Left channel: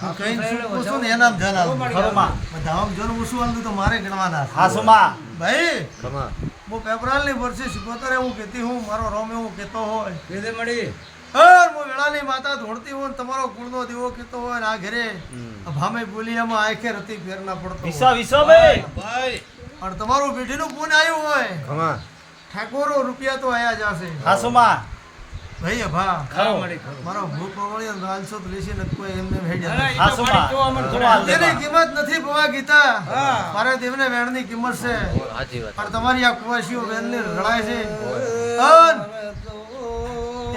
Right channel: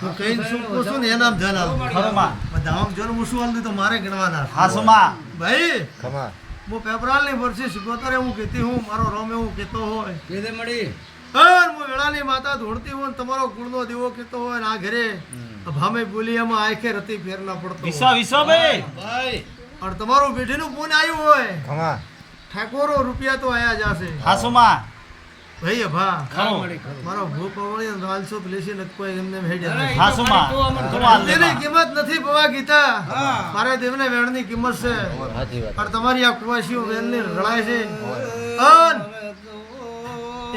હું કઈ શું પૂછું ને એનામ ધન આલું ખરો માં બધામ જન ઓછું આલું તો મારે ગણવાના છે. હાસુ માં ભાઈ ખમા હું પેપરાલની વર્ષી સિકોતરે હું કહેતી હું મારો રોમ એવું કહેતો હોય કેદે મળી અર હું વેળાની માતા ધોળતી હોય ને તમારો ગુણનો દીવો કહેતો હોય ને આ ઘરે ભામે બોલિયામાં આંખે રતી ફેર ના પડતો વિસો વિસો ભાઈ ભાઈ અને તમારું બેઠીનું પૂન આવ્યું હોય ખમા ઠાકોરો રૂપિયા તો આયા જશે હાસુ માં ભાઈ ભા ખરો મારો ભૂખ પવળી અને રાલસો તો લેશી ને કોઈ એમને ભેજ હાસુ માં તું હાલ દે તેની માં. કિંમત નથી ભવા ગીતા મારા દેવને વેણની કિંમત છે સાચી વાત પણ તમારી આ કુવાસીઓ વેણની રળાય છે અન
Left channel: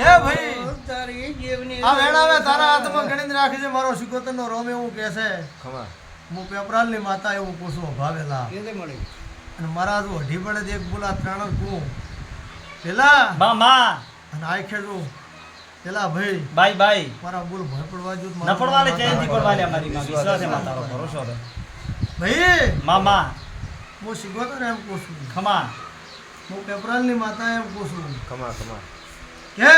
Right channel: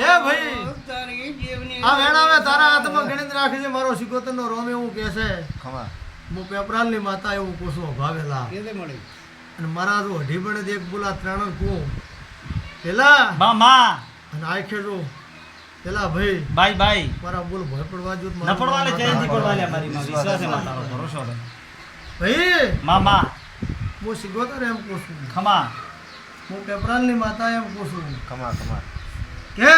એ ભાઈ તારી જીવની આ વેણામાં તારા હાથમાં ગણીને રાખી છે મારો સિકોતરનો રોમ એવું કહે છે ખમા હું પેપરાલની માતા એવું પૂછું ભાવેલા કેદે મળી અને મારા જો અઢી પડે એક બોલા ત્રણ કું પેલા માં અને આખે જો પેલા ભાઈ બાય બાય મારા બોલ ભય પડવા જો ન પડવાલે ચેન્જ કરવાલે અમારી માં વિશ્વાસ છે માં તારો ભરોસો છે ભાઈ મામા હું સિકોતર એમ પૂછું ખમા હું પેપરાલની માતા એમ પૂછું ખમા ખમા કે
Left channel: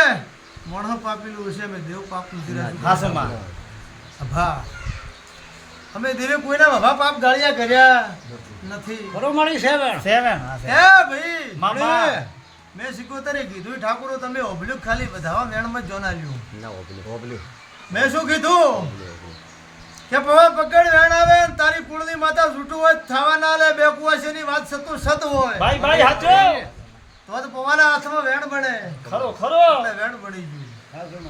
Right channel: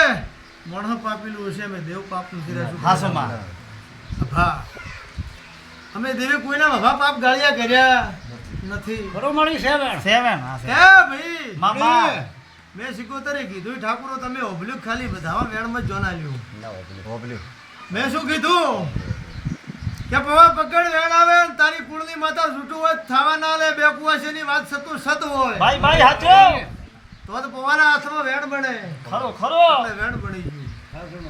મોણો પાપેલું છે મેં દેવ પાપનું સિરાશું હાસુ માં ભા અમે દેવે કોઈના ભા પાપ ગાળિયા કર્યા નથી ખરો મળી છે બેન સેવન હા એ છે ભાઈ મામા મેં સિકોતરે કીધું ઠાકોરો તમે ઓબલ્યું ખાલી બધાવા વેણમાં જ જોના લ્યું ના ઓબલ્યું મેં શું કીધું કે પવા પકડ વેણ આવે ને તારી કુળની માતા છૂટું હોય તો થાવા ના લે બે કુવાસીની વાત સતું સત હોય બાય બાય હાચો તો પવાના હાથમાં વેણ બને ખરો ખરો એટલે વેણ બની ગયું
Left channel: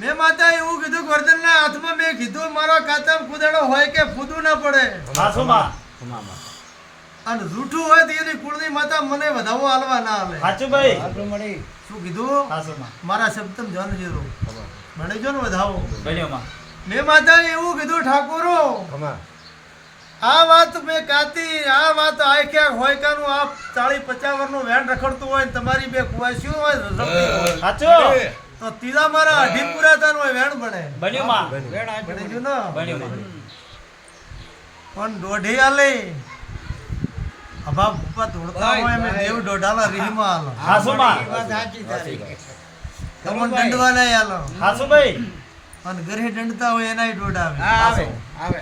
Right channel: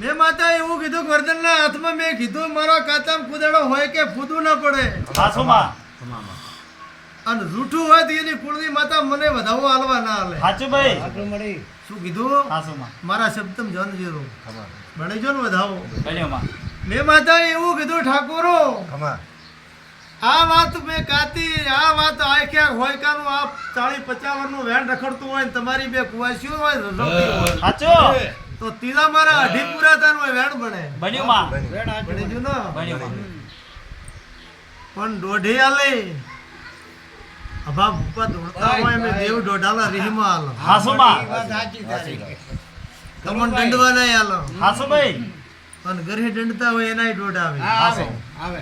મેં માતા એવું કીધું કે વર્ધનના હાથમાં મેં કીધું મારો કાતમ કુદાડો હોય કે ફૂદું ન પડે હાસુ માં અને રૂઠું હોય તો એની કુળની માતા મને વધાવો હાલવા ના હાલે હાચું ભાઈ આટલું મળી શું કીધું હાસુ માં મારા શબ્દમ જન જીરો ખમા ભણી જો ને વધાવો ભલ્યો માં મેં માતાએ એવું કીધું ઠાકોરો ખમા આ વાત મેં કાતી આ વાત આખ્યા હોય કાનું આ 40-50 વર્ષનું વેણ રખડતું હોય ને તમારી બે કુવાસીઓ હોય રખડતી હોય હાચો તો તીલા મારા અઢી પૂરા થાય હોય વેણ બને ભલ્યો માં બેન આટલું બની જો ને ભલ્યો માં પણ દોઢી આલે અભા ભૂપા દોડતા હોય મેં દેવ દોઢાલા રીહમાં આલો હાસુ માં વાત સાચી તારી તમને દંડવા નહીં આલો હાસુ ભાઈ અને ઘરે દંડતા હોય એનાય દોઢ આવે આવે આવે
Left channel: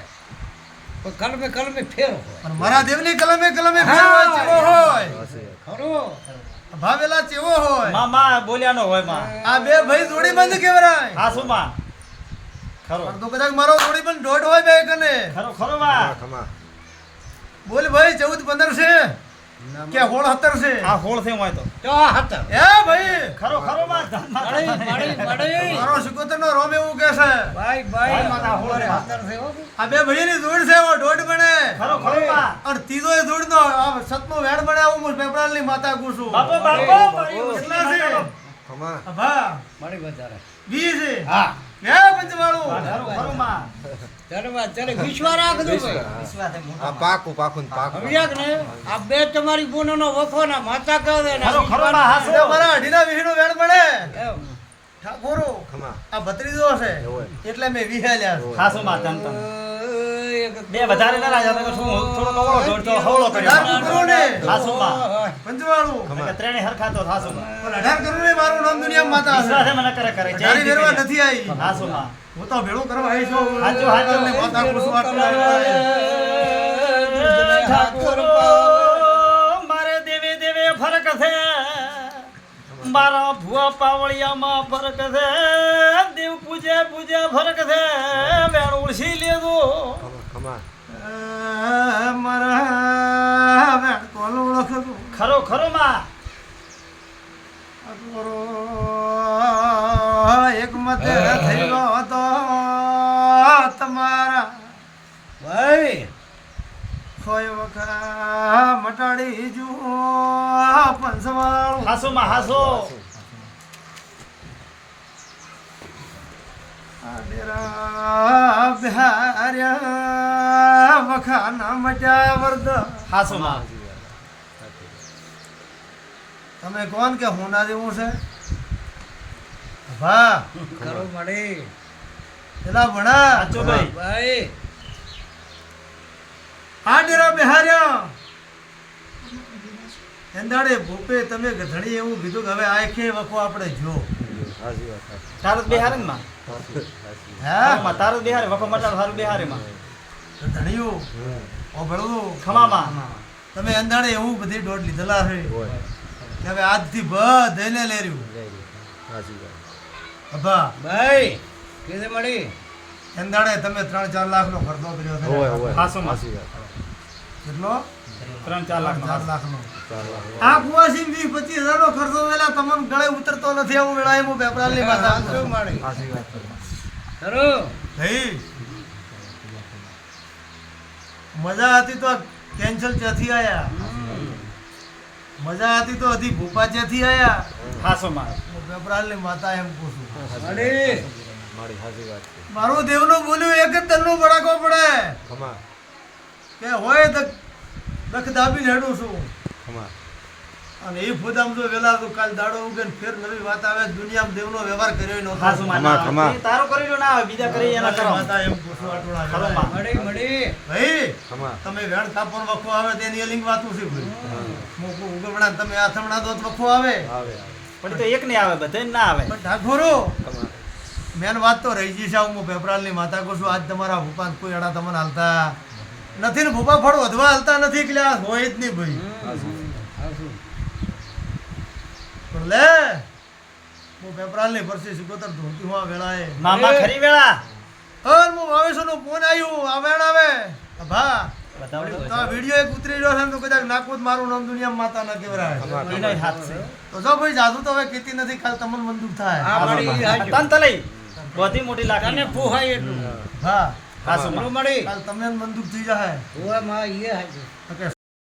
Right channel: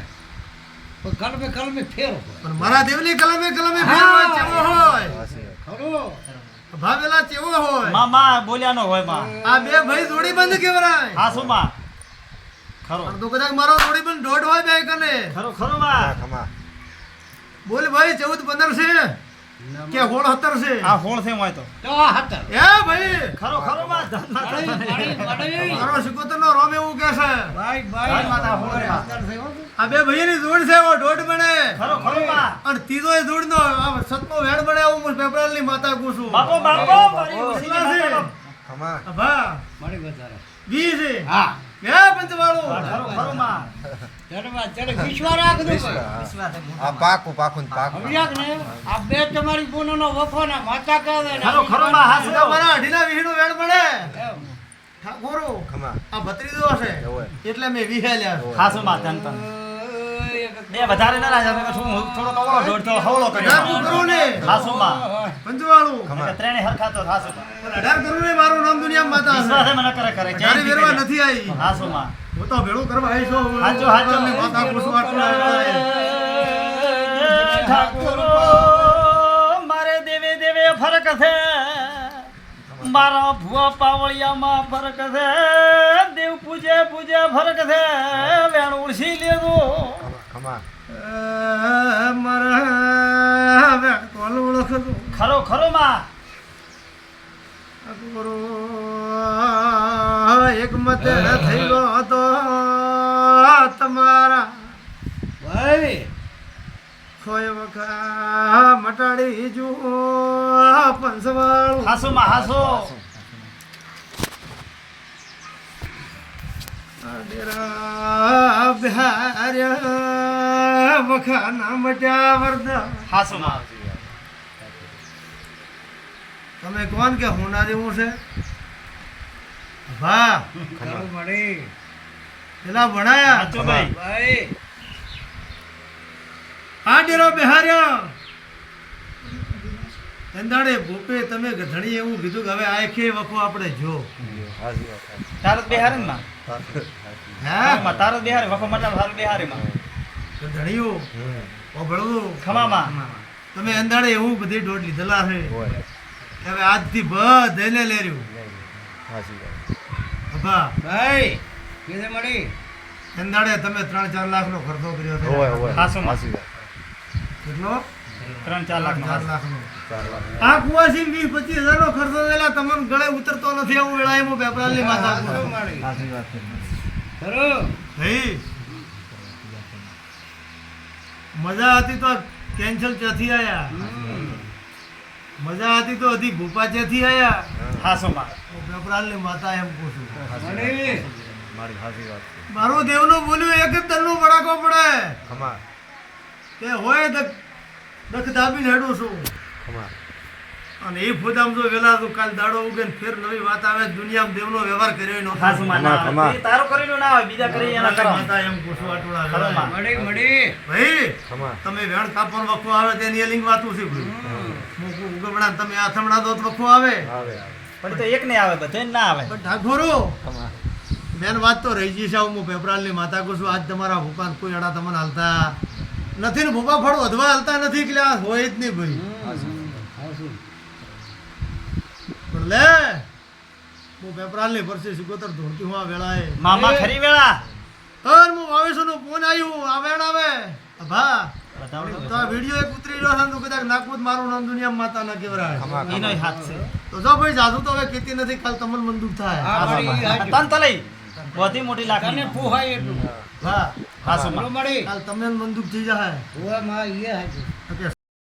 પણ કલમે ફેર પણ મારા દેવની કલમે કલમે ફેર હોય ચેવો હોય સાચી વાત ખરો ભાવેલા ચેવો હોય મામા બોલ્યાનો હોય માં આ બે ભાઈ જોડી બંધ કેવરાય હાસુ માં ખરો પણ તો કદાચ મારો જોડી બંધ દોઢ હોય બે કને ખરો ખરો માં ખમા બોલ ભાઈ 14-15 છે કે 16-17 છે આ હોળ છે હોય તો તો હતા એ ભાઈ ખરો ખરો માં મળી મારો સિકોતરનો રોમ એવું કે છે ભાઈ ભાઈ માતા હોળ રે માં. આ બે ભાઈની જોડ છે ઓ દોઢ બને ખરો ખરો માં અને ત્રીજો એ જોડ નો આ સતનો વેણ બને આવું હું પેપરાલની માતા કુસું બાપો બાપો મારી ઉછીની માતાનો. ખમા ભા મળી વધારે દી છે હા હે પંચવાળું ખરો ખરો માં ધન્યવાદ ચડે વિશ્વા રાખ દો વિશ્વાસ છે મોટા આ પાકું પાકું ને પાકું સમજ્યા કે નહીં? આ બે તમારી બોનોનો વફોના માતા કહે ને ખરો ખરો માં હાસુ આ મારા અઢીના વીહનું વેણ બને એમ. ઠાકોરો ખમા આ ભત્રીજો છે એવું એટલે મેં વિહાલ્યા છે. હાસુ માં તન તન બે વધારે ના રાજા તમે શું થોડો કવળો દોડતો હવળો કર્યો અઢાર કરું ને હાસુ માં પંચવાળું એટલે ત્રણે હરખા તો હાસુ માં પણ 18 કરું ને મારું નામ દુનિયામાં માતા વિશ્વાસ છે છે મને કરે કરે તારી વેરવા નથી આવી હાસુ માં હું તો ભેળું કરવા આવી છું હાચો હાચો પેપરાલની માતા કુસું આટલા વેળાએ. ઠાકોરો મારે દેવે દેવે ફરક છે મારા ભુવા પાવળિયામાં ફરક છે દેવ પૂજે પૂજે ફરક છે વેણ ઉડસી લેવો ખમા મારા વેણ કોલ ઓળખું ખરો ખરો માં ઠાકોરો એક મત થઈ ગયો તો તમારા ભાઈ કોઈ વખા મટાડી જુઓ પંચવાળું હાસુ માં હાસુ આડેરા બિહાર્યા વખા ના મટ્યા વરદા હાસુ માં તમે કોણ કે હોના જેવું છે ભા ખરો મળી પેલા ભણા સાચું ભાઈ ભાઈ આ ડેરો બિહાર્યા એંદાડે ભૂપે તમે ઘણી એવું કીધું કે હવે આખે વખો આપણે જો સાચી વાત તારત બિહાર ને માં સાચી હે માં તારો દેહારે વખો મટા સારું દેહારે માં તો ધણિયું ઓ ભળવું ખમામાં તમે અંધાડે એવું બધી દોડ લીધેલા છે હોય હવે આજથી બધાને લેર્યું સાચી વાત અભા ભાઈ કેને મળી અંધાડે તમે 3-4 લાખનો ખર્ચો કર્યો છે હોય હોય હાસું માં. સાચી વાત કેટલો 3-4 લાખ 4 લાખનો 4 લાખ આ કુવાસી 20-25 હજારનો ખર્ચો વેલા તમને ગળે ઉતરતો નથી એવું વેળાએ હું પેપરાલની માતા ખરું મળી સાચી વાત ખરું હઈ મજા હતી તો કેન્સલ ક્યાંથી આયા મજા હતી તો હજી ભૂપા ક્યાંથી આયા હાસો માં હું પેપરાલની માતા એમ કહું છું મળી મારી સાચી વાત છે મારું દેવનું બોલ્યું એક જ તલનો બડાકો પડે ખમા કે હોય દખ દાબીને હેડું છું ખમા અને એ ફોદામ જો વેલા તો કાલ દાડો ઉગે ને ફેર નવી વાત આવે દુનિયામાં દેવનો વ્યવહાર કર્યો નહોતો હાસો માં ખમા, ખમા. તારો કરેલો ના હોય બીજા કરી એના કરો માતા એમ કહું છું આટલા ખરો વેળાએ. માં. મળી ભાઈ ખમા તમે વેણ કાપવાનો વખો આવે તેની એલિંગ વાતું છે ઉગમણા તમે આથમણા દો તો વખો આવે આવે પણ તો એક ને આવે બધે ના આવે પણ ઠાકોરો ખમા મેન વાત તો રહી જઈ છે હું પેપરાલની માતા કહું છું આજ તમારા ભૂપા કોઈ અડા તમને હાલતા નથી ને ભૂપા ફળ વધવા હાલતા નથી એટલે આ હોય જ નહીં ભાઈ હાસું પણ લે હું પેપરાલની પરસી સુગોતર ધોતી હું આ વેળાએ મામા ખરી વેળા અર હું વાવેશોનો ફોન આવ્યું આ વેણ આવે ભા બતાવો તો આ વિડીયો એક ઉતરી રહ્યો છે ને તો કદાચ નાખવું જ મારું નામ દુનિયા માતા ન કહેવાય ખમા એનો ખમા હાથ છે તો જો ભાઈ જાદુ તો હવે કેતી નથી કાલ તમને મંદુક થાય હા મળી હાચું. તન તલઈ બધી મોટી તને લાખની પોહાય એટલું હા હાસો માં ખરું મળી કાલ તમને મંદુક થઈ જાય હોવા માં એ હાચું ઓકે